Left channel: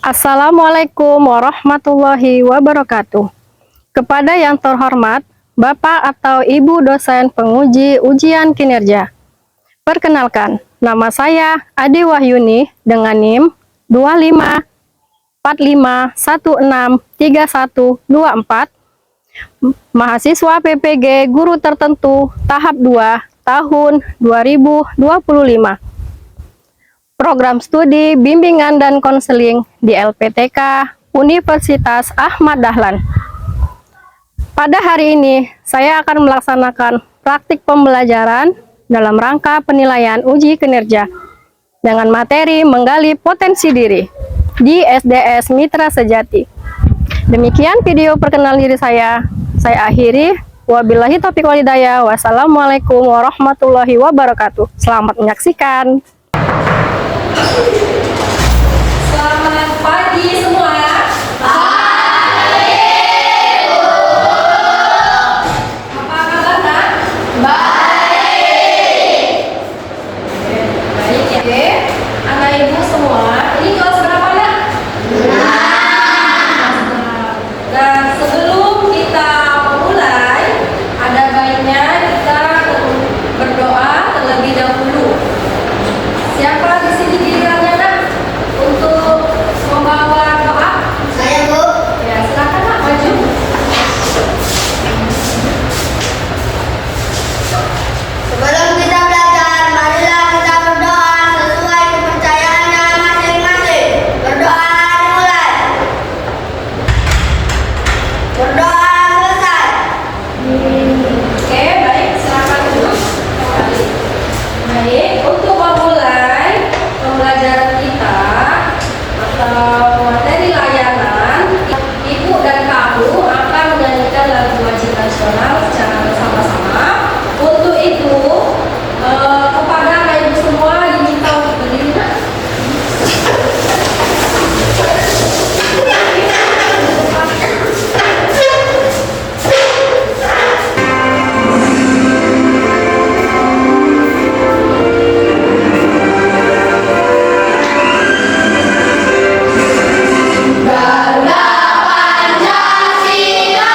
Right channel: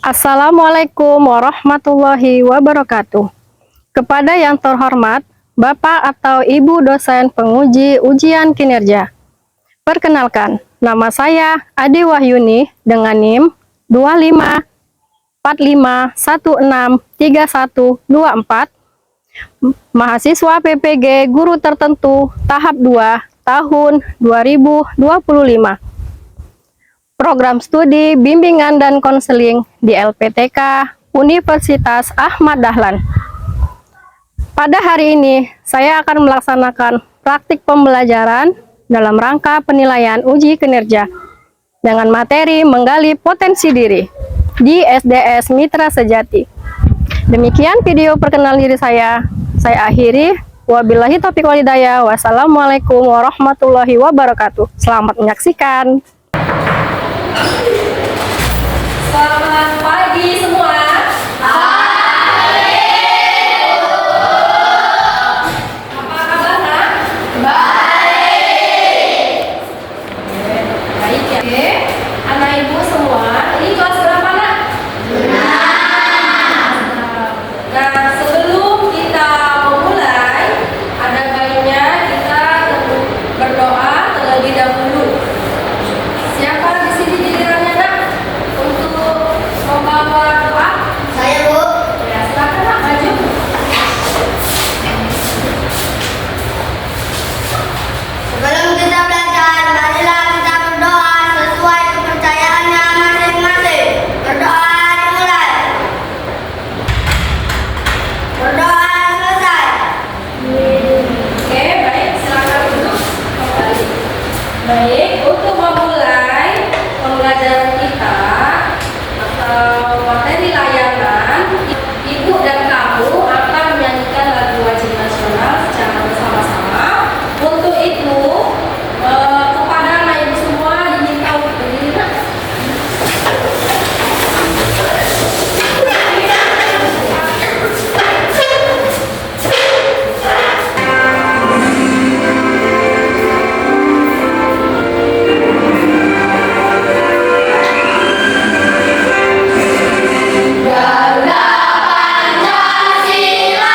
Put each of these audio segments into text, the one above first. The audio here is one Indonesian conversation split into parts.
Assalamualaikum warahmatullahi wabarakatuh. Kepada yang terhormat, Bapak atau Ibu dosen penguji ujian kinerja. Perkenalkan, nama saya Ade Wahyuni dengan NIM 2545163124, mahasiswa PPG Guru Tertentu tahap 2 tahun 2025. Program studi bimbingan dan konseling di LPTK Universitas Ahmad Dahlan. Pada hari ini, saya akan melaksanakan praktik pembelajaran dalam rangka penilaian uji kinerja dengan materi menggali potensi diri di SDS Mitra Sejati. Demikian video perkenalan diri saya akhiri. Wabillahi taufiq wal hidayah. Wassalamualaikum warahmatullahi wabarakatuh. Selamat menyaksikan. Selamat pagi semua. Apa kabar, Nak? Baik. Baik ya. Oke. Anak ibu semua, ini kelas berapa, Nak? Nah, sebelum kita mulai, ada baiknya kita berdoa terlebih dahulu. Siapa di sini gilirannya, Nak, untuk membawa doa? Saya, Bu. Ya, silakan, Nak, maju. Sebelum kita belajar, marilah kita berdoa sesuai kepercayaannya masing-masing. Berdoa dimulai. Berdoa selesai. Oke, baik, silakan duduk kembali. Baik, untuk memulai pembelajaran kita atau materi layanan, Ibu dan kamu akan menyanyikan lagu wajib nasional secara bersama-sama. Untuk itu, kepada anak ibu semua diminta untuk berdiri. Nak. Garuda Pancasila,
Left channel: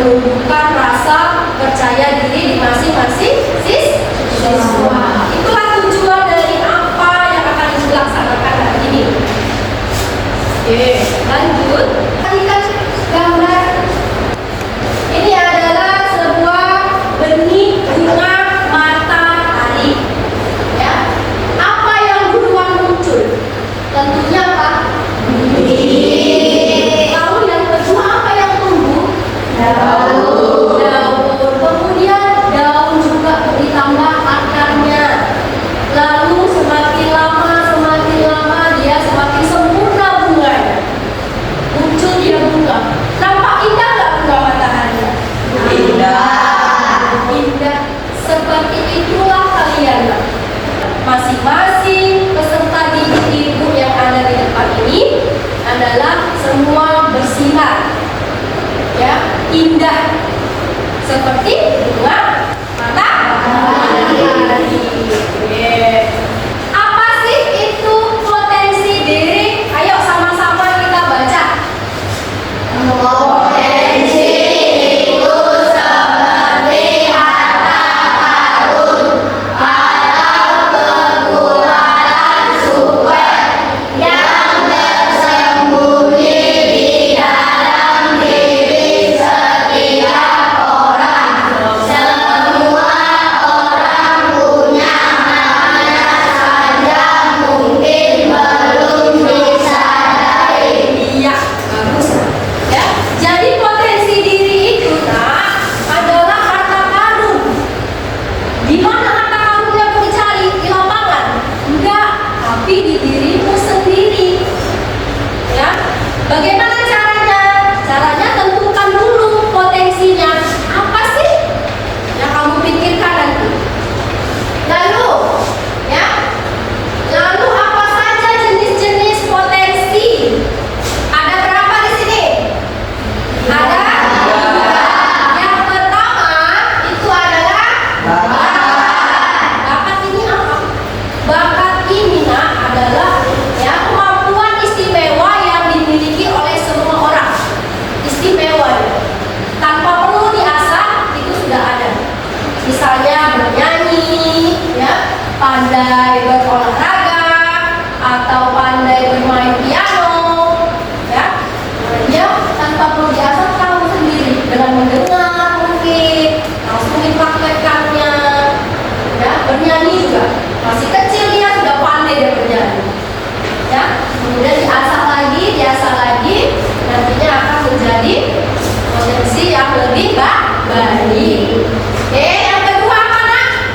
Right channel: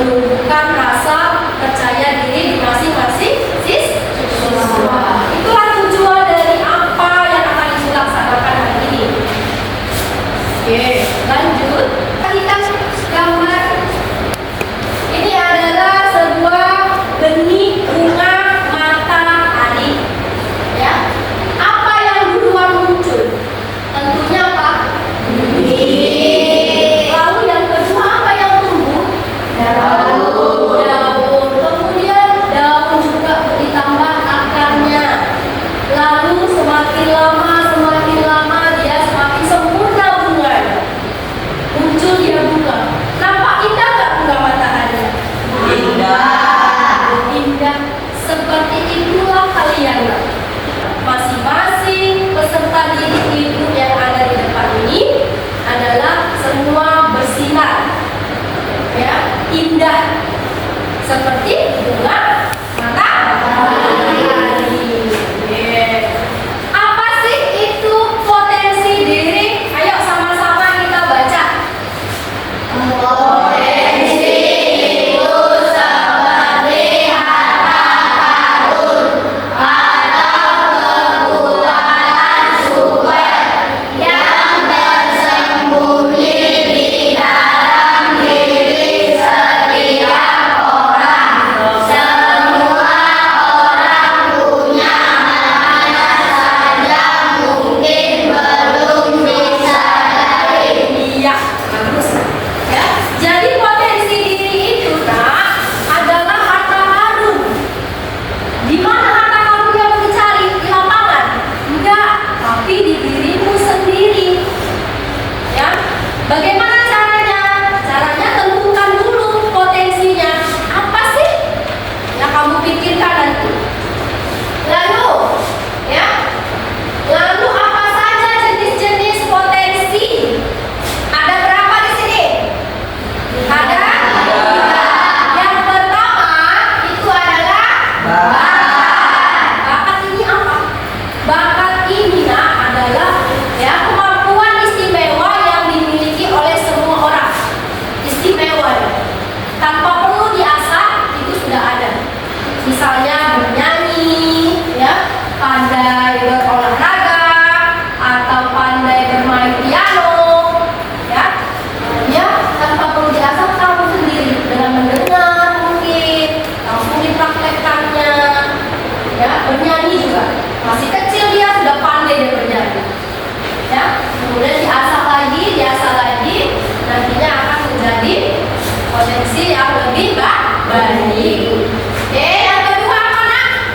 menumbuhkan rasa percaya diri di masing-masing siswa. Itulah tujuan dari apa yang akan dilaksanakan hari ini. Oke, lanjut. Kita gambar. Ini adalah sebuah benih bunga matahari. Ya. Apa yang duluan muncul? Tentunya apa? Benih. Lalu yang kedua apa yang tumbuh? Daun. Kemudian daun juga ditambah akarnya. Lalu semakin lama dia semakin sempurna bunganya. Muncul dia bunga. Nampak indah nggak bunga matahari? Indah. Seperti itulah kalian. Masing-masing peserta didik ilmu yang ada di depan ini adalah semua bersinar, ya, indah seperti bunga matahari. Apa sih itu potensi diri? Ayo sama-sama kita baca. Potensi itu seperti harta karun atau kekuatan super yang tersembunyi di dalam diri setiap orang. Semua orang punya, hanya saja mungkin belum disadari. Iya, bagus. Ya, jadi potensi diri itu adalah harta karun. Di mana harta karunnya mau dicari? Di lapangan? Enggak, tapi di dirimu sendiri. Ya, bagaimana caranya? Caranya tentukan dulu potensinya. Apa sih yang kamu pikirkan nanti? Lalu apa saja jenis-jenis potensi? Ada berapa di sini? Ada? Yang pertama itu adalah bakat ini apa? Bakat ini adalah ya kemampuan istimewa yang dimiliki oleh semua orang. Istimewa ya. Tanpa perlu diasah itu sudah ada. Misalnya bernyanyi, ya, pandai berolahraga atau pandai bermain piano, ya. Ya, tanpa perlu diasah kamu sendiri dengan mendengar mungkin langsung dipraktekkannya. Ya, bernyanyi juga masih kecil dia sudah pandai dia bernyanyi. Ya, kemudian diasah lagi, nantinya akan menjadi potensi yang lebih baik. Yang kedua apa nak?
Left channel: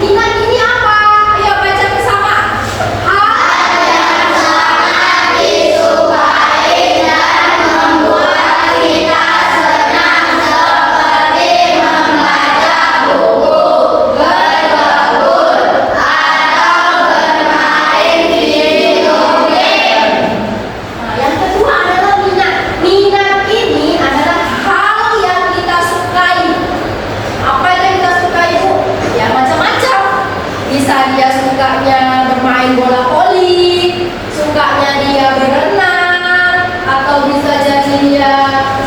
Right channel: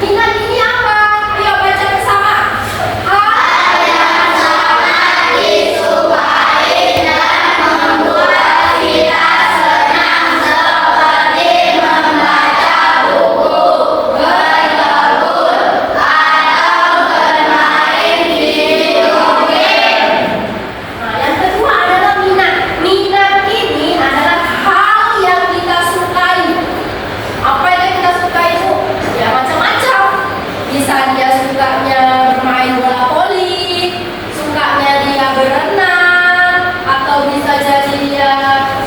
Minat ini apa? Ayo baca bersama. Hal yang sangat disukai dan membuat kita senang seperti membaca buku, berkebun, atau bermain video game. Nah, yang kedua adalah minat. Minat ini adalah hal yang kita sukai. Apa yang kita sukai itu? Ya macam-macam. Bisa dia sukanya bermain bola voli, sukanya dia berenang, atau bisa jadi dia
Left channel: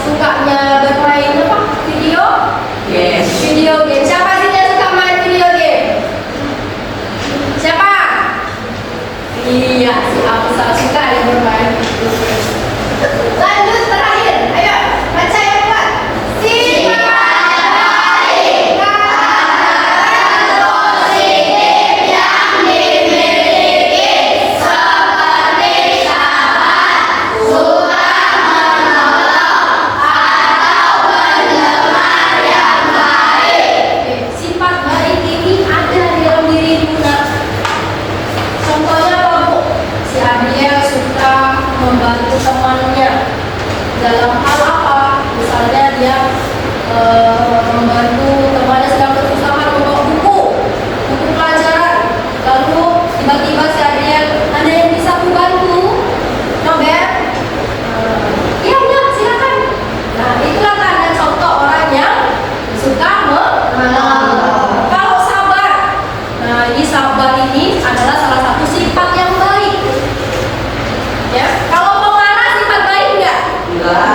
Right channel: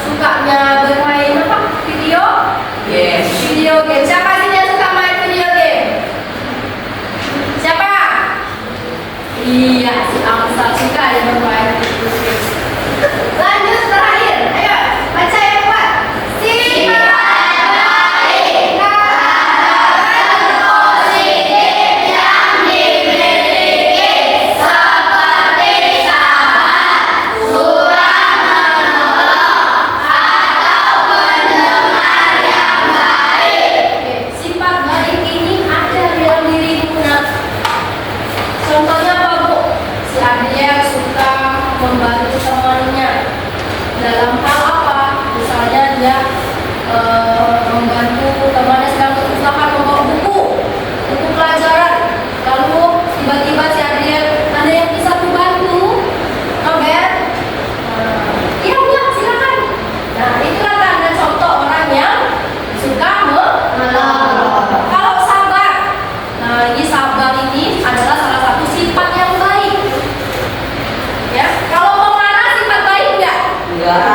sukanya bermain apa? Video game. Siapa sih yang suka main video game? Siapa? Iya, si Amsal suka dia bermain video game. Lanjut terakhir, ayo baca yang kuat. Sifat baik hal positif yang dimiliki seperti sabar, suka menolong, atau pendengar yang baik. Sifat baik ini ada dalam dirimu nak. Contohnya apa bu? Si Adriel suka membantu temannya dalam hal apa? Misalnya dia membantu temannya sedang kesusahan membawa buku pelajaran. Lalu tiba-tiba si Adriel, ada yang bisa aku bantu? Nober? Iya udah silakan. Nah itulah tanda contoh orang yang suka menolong. Kalau sabar, nah ini sabar ini adalah salah satu sifat yang baik. Ya, kalau pemarah sifat baik enggak? Enggak.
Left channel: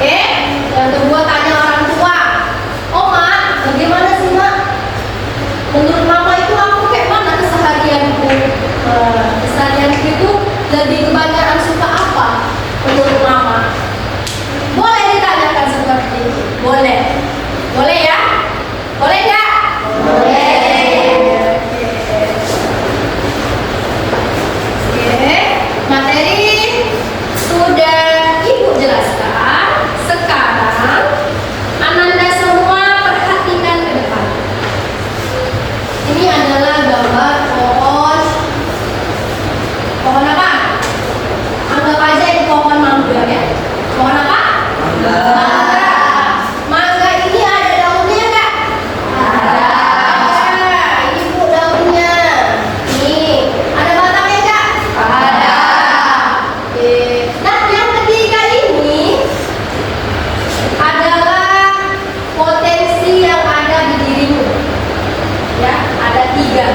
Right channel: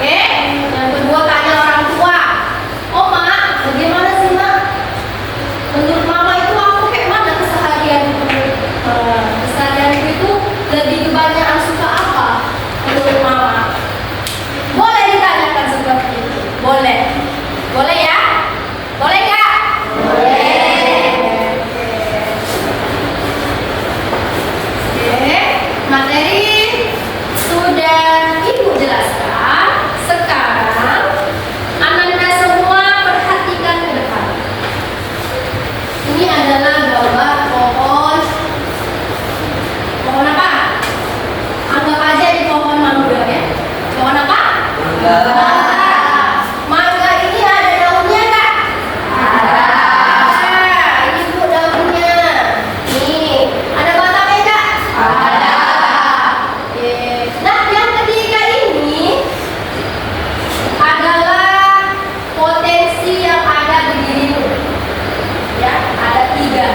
Oke, yang kedua tanya orang tua. Oh mak, bagaimana sih mak? Menurut mama itu aku kayak mana keseharianku? Keseharianku itu lebih kebanyakan suka apa? Menurut mama? Boleh ditanyakan seperti itu? Boleh. Boleh ya? Boleh nggak? Oke, materi sudah Ibu jelaskan. Sekarang Ananda semua perhatikan ke depan. Ini adalah gambar pohon. Pohon apa? Anggap aja ini pohon mangga ya. Pohon apa? Mangga. Mangga ini ada daunnya nggak? Ada. Ini Bu daunnya. Nih, ada batangnya nggak? Ada. Oke. Nah, yang ketiga ini adalah potensi yang ada di dirimu. Ya, ada 3.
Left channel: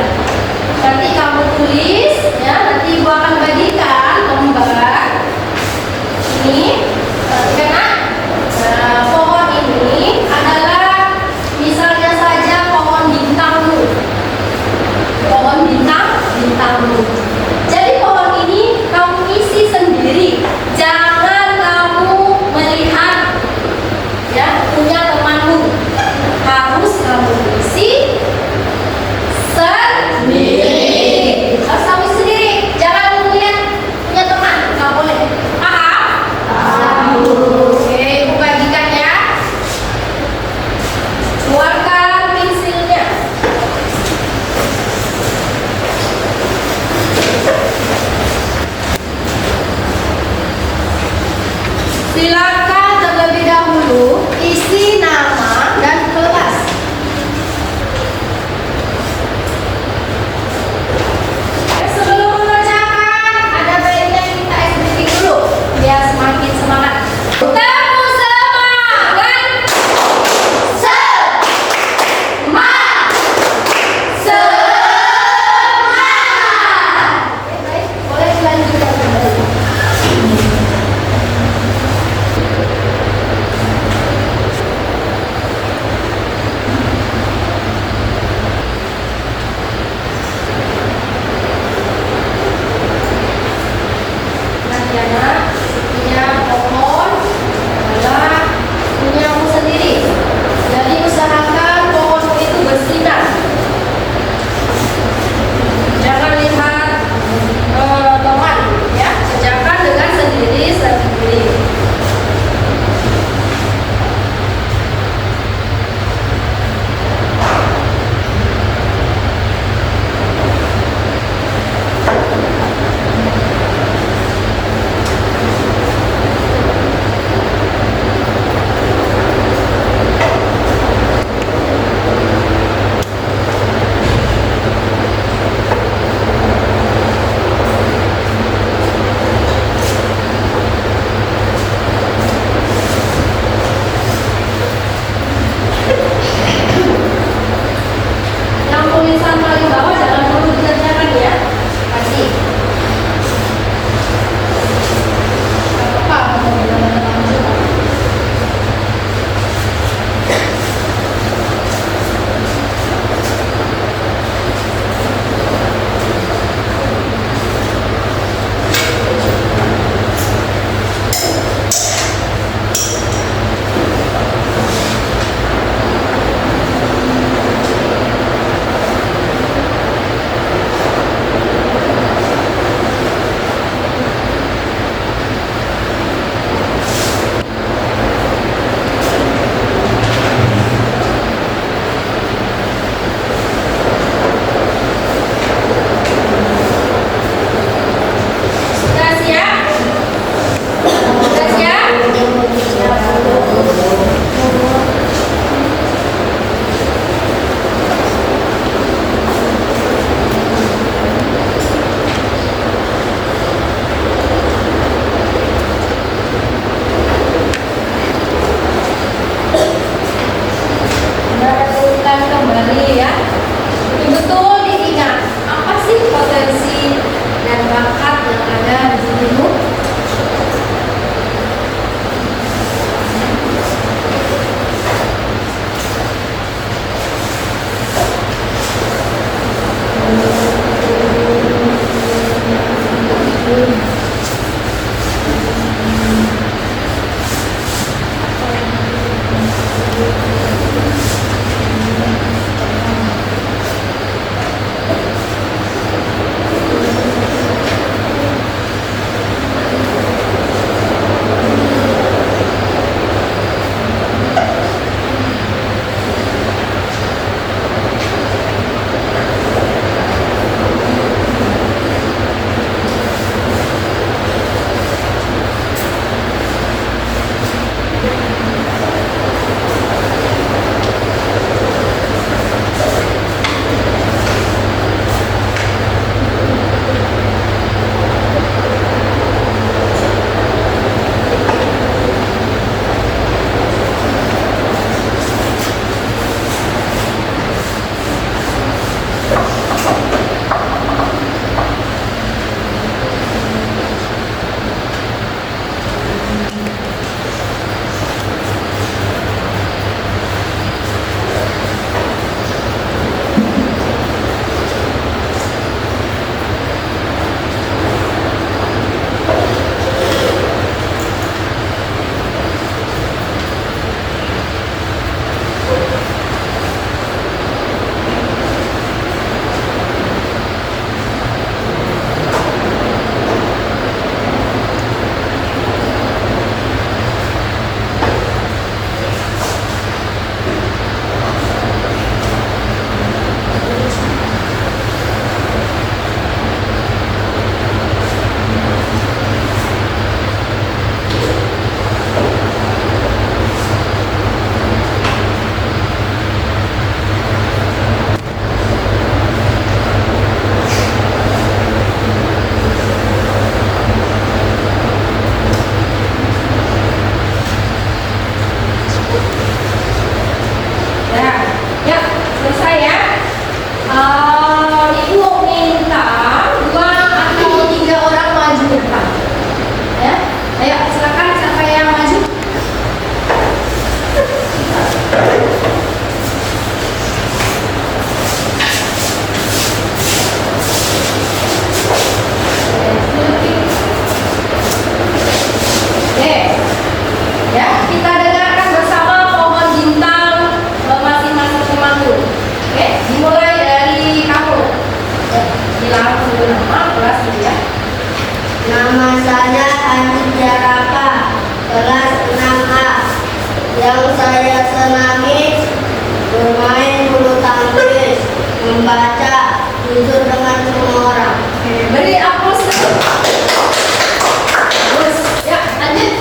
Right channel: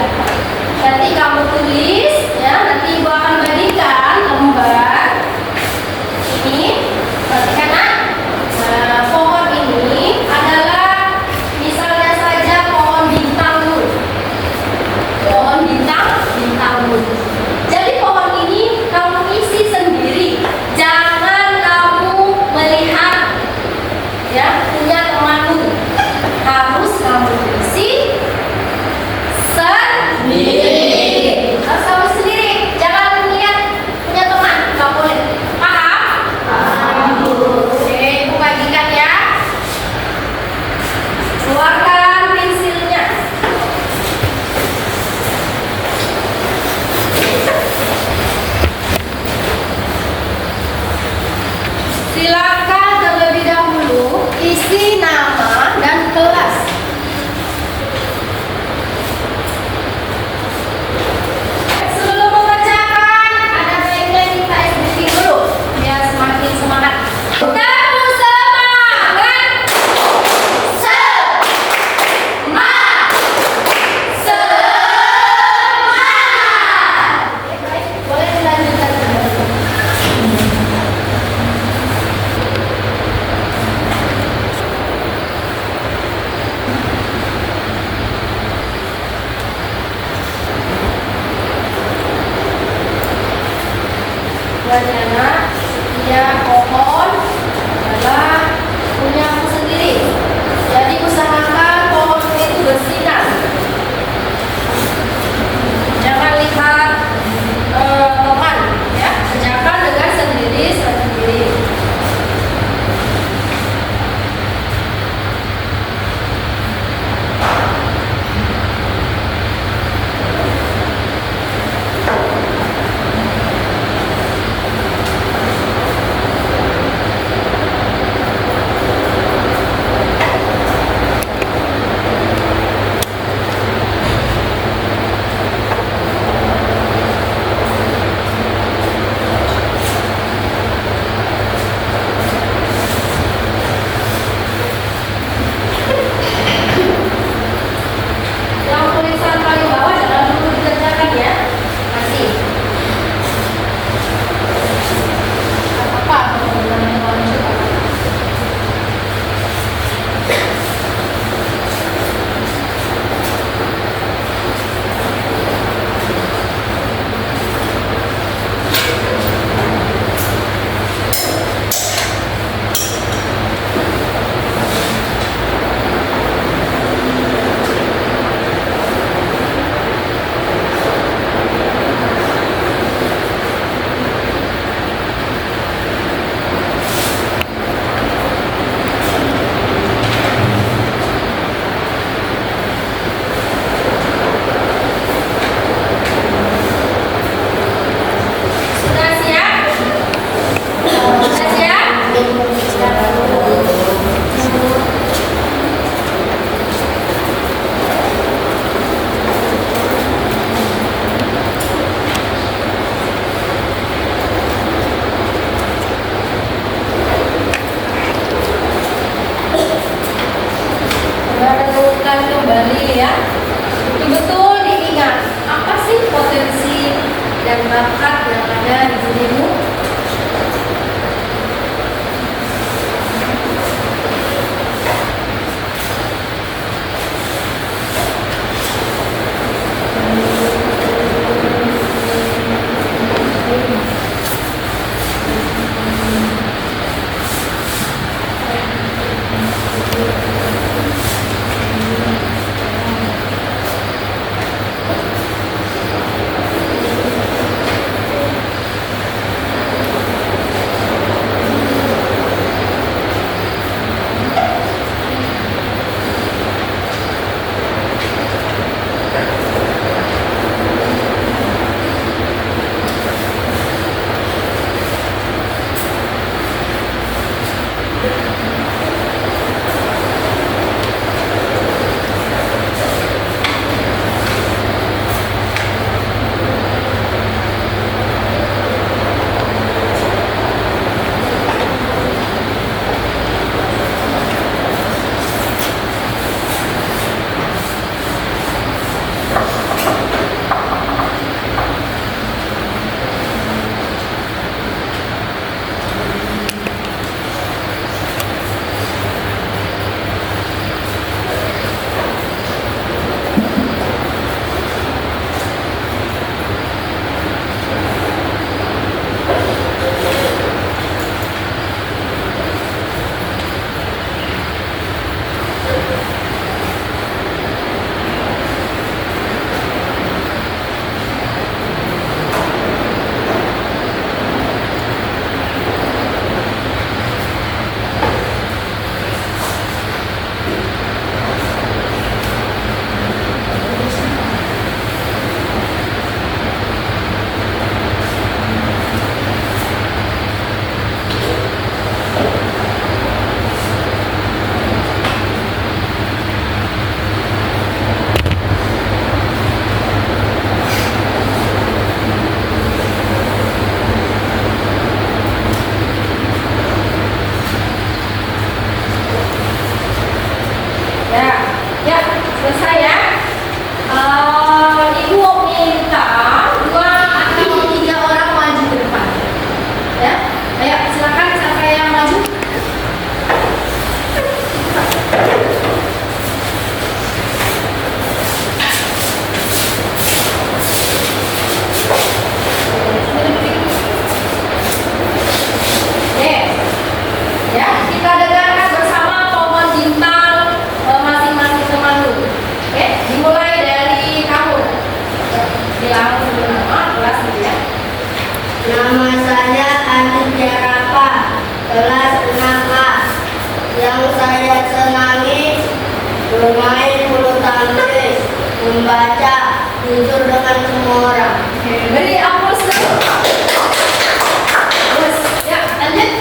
Nanti kamu tulis, ya. Nanti Ibu akan bagikan lembar ini. Perhatikan, Nak. Nah, pohon ini adalah misalnya saja pohon bintangmu. Pohon bintangmu. Jadi pohon ini kamu isi sendiri. Jangan kamu melihat ya punya temanmu. Harus kamu isi sendiri. Harus kamu sendiri. Jangan melihat punya teman. Nggak boleh. Paham? Oke, Ibu bagikan ya. Keluarkan pensilnya. Silakan terlebih dahulu isi nama dan kelas. Sebelum mengerjakan, ada baiknya kita SBT dulu biar semakin semangat. Tepuk semangat. Semangat. Semangat. Baik, boleh dilanjutkan kembali. presentasi ya. Nama saya Aditya Rapa, kelas 6A. Yang saya senangi bermain bulu tangkis, membaca, tidur dengan semua orang. Oke, beri aplaus dulu. Bagus. Ya, lanjut.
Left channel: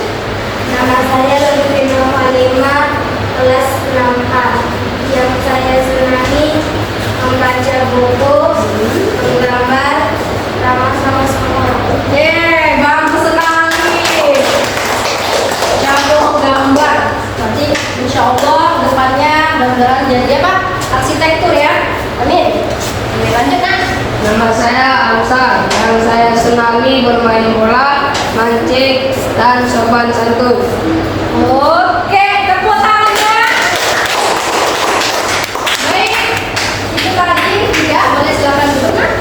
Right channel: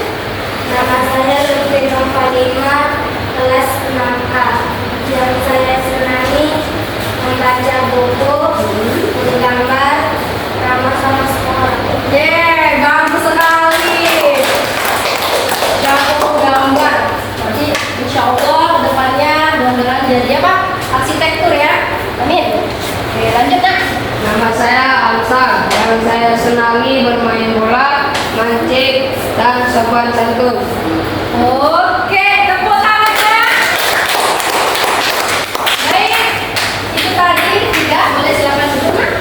Nama saya Lutfi Nurhalima, kelas 6A. Yang saya senangi membaca buku, menggambar, ramah sama semua orang. Yeay, bagus sekali. Jago gambar. Nanti insya Allah depannya beneran jadi apa? Arsitektur ya. Amin. Oke, lanjut nak. Nama saya Amsal, yang saya senangi bermain bola, mancing, dan sopan santun. Oke, tepuk tangannya. Baik, itu tadi tiga. Boleh silakan duduk nak.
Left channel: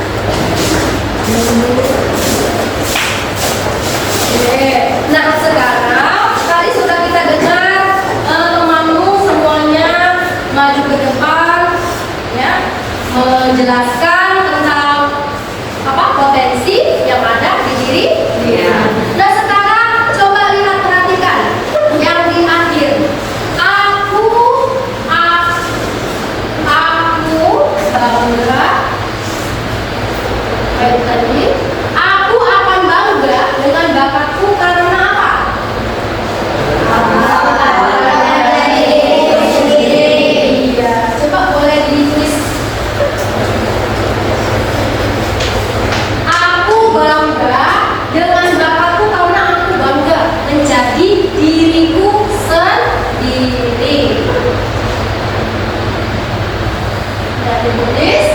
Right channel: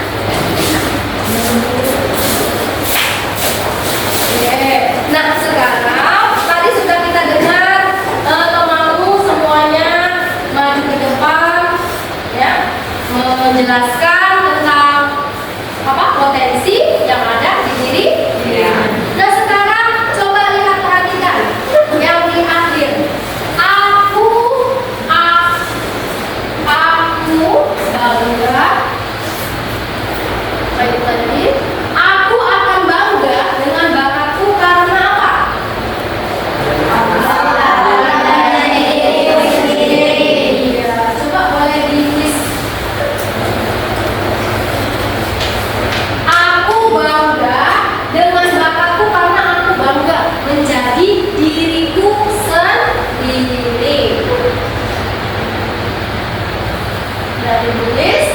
Oke, nah sekarang tadi sudah kita dengar temanmu semuanya maju ke depan, ya, menjelaskan tentang apa potensi yang ada di diri. Nah sekarang coba lihat, perhatikan yang di akhir. Aku bangga. Baik tadi. Aku akan bangga dengan bakatku karena apa? Iya, coba boleh di-list. Aku bangga dengan bakatku karena aku bangga menjadi diriku sendiri. Dari tulis.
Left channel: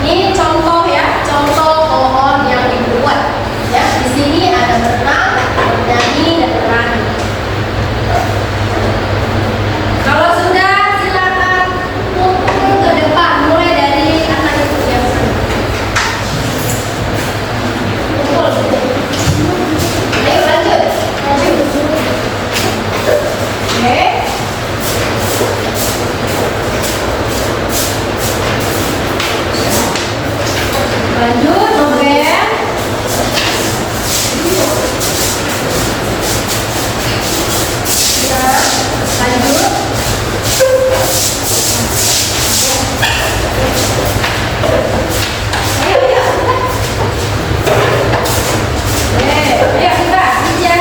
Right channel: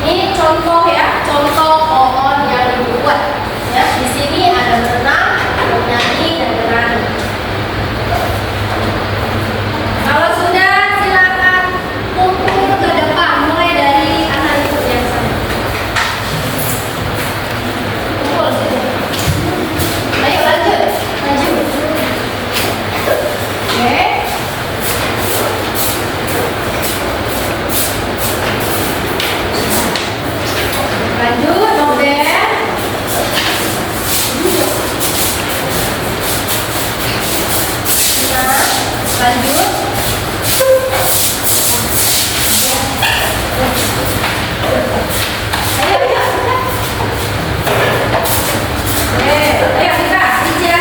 Ini contoh ya, contoh pohon yang dibuat. Ya, di sini ada berenang, nyanyi, dan berani. Kalau sudah, silakan kumpul ke depan, mulai dari anak ibu yang sini. Kumpul. Ayo lanjut, maju. Oke. Lanjut, Noben. Nah, lanjut. Ayo, ayo, kita. Ayo kita, Ija.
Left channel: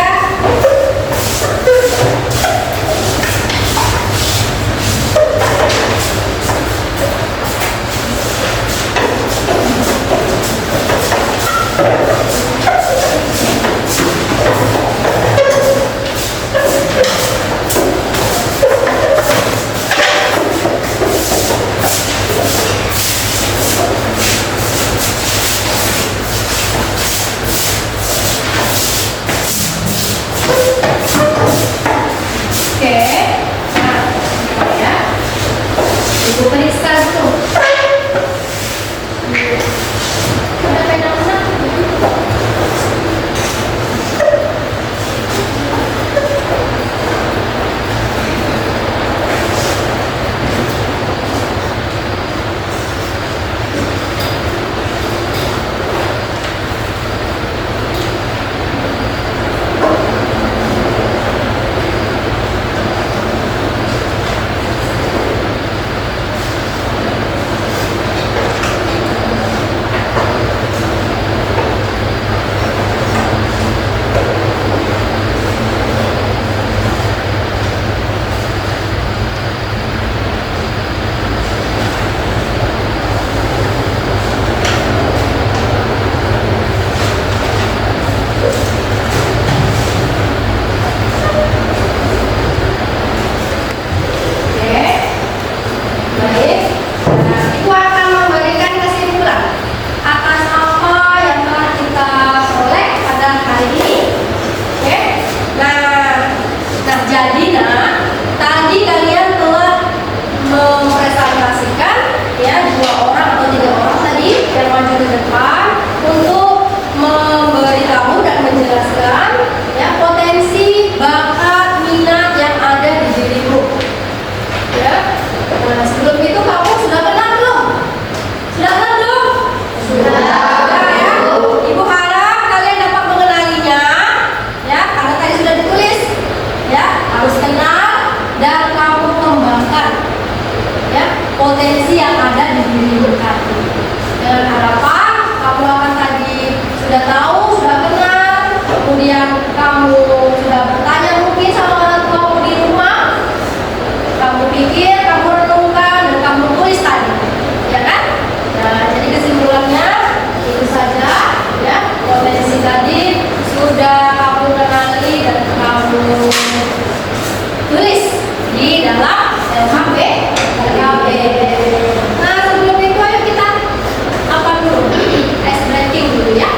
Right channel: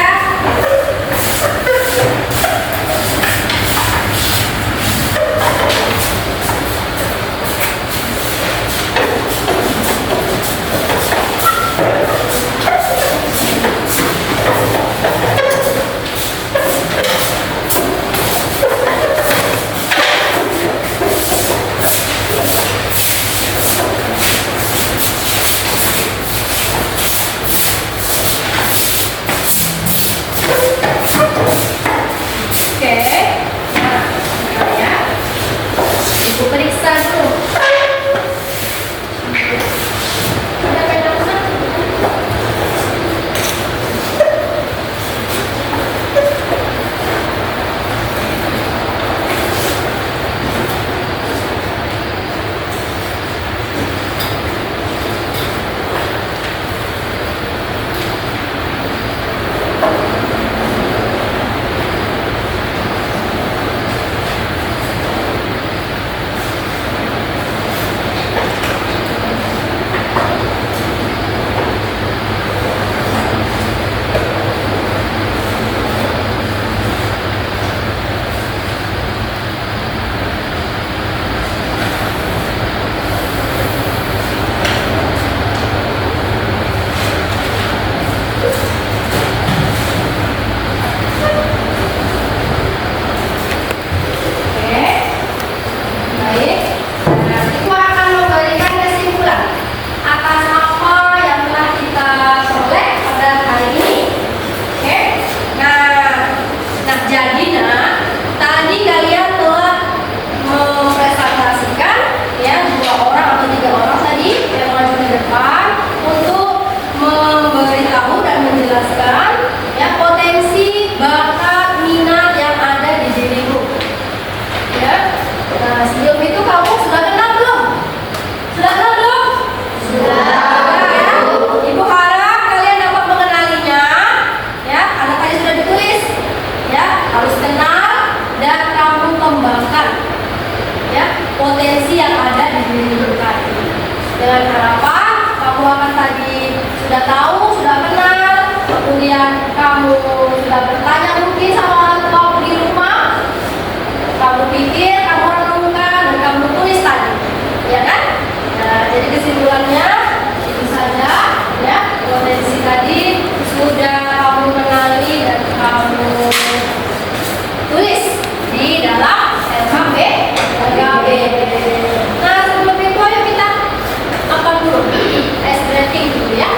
Oke, nah, ya. Ibu periksa dulu. Udah kayak mana? potensi yang ada di diri tadi. Dengan harapan kamu akan tadi sudah tahu, sudah kenal, kemudian kamu sudah bertanya mungkin sama orang tuamu di rumah, kamu pikir, kamu renungkan, dan kamu tulis tadi, ya kan? Nah, jadi kesimpulannya itu saja, ya, potensi tadi sudah kamu kenali dan kamu tulis di dalam LKP. Nah, sebelum itu ayo kita apa dulu? Ice breaking dulu ya.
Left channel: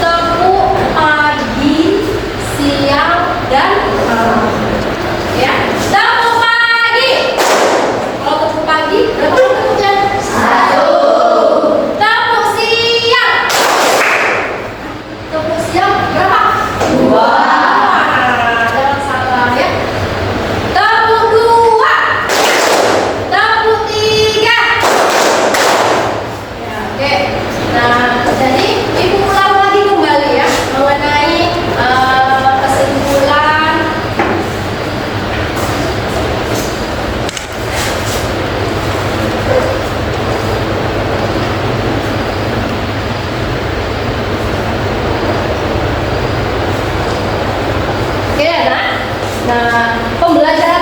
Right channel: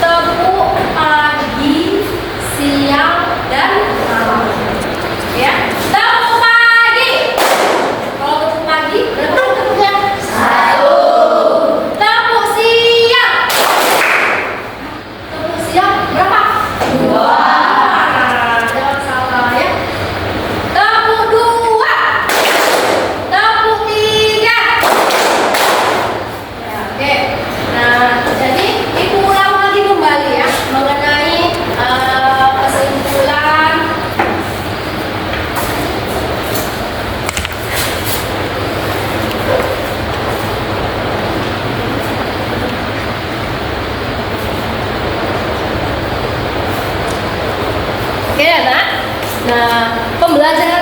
Tepuk pagi, siang, dan malam. Ya, tepuk pagi. Kalau tepuk pagi, berapa tepuknya? 1. Tepuk siang. Tepuk siang berapa? 2. Jangan salah ya. Tepuk 2. Tepuk 3. Ya, oke. Nah, jadi ibu ulang lagi kembali ya mengenai kesimpulan. Oke, anak. Nah, pembelajaran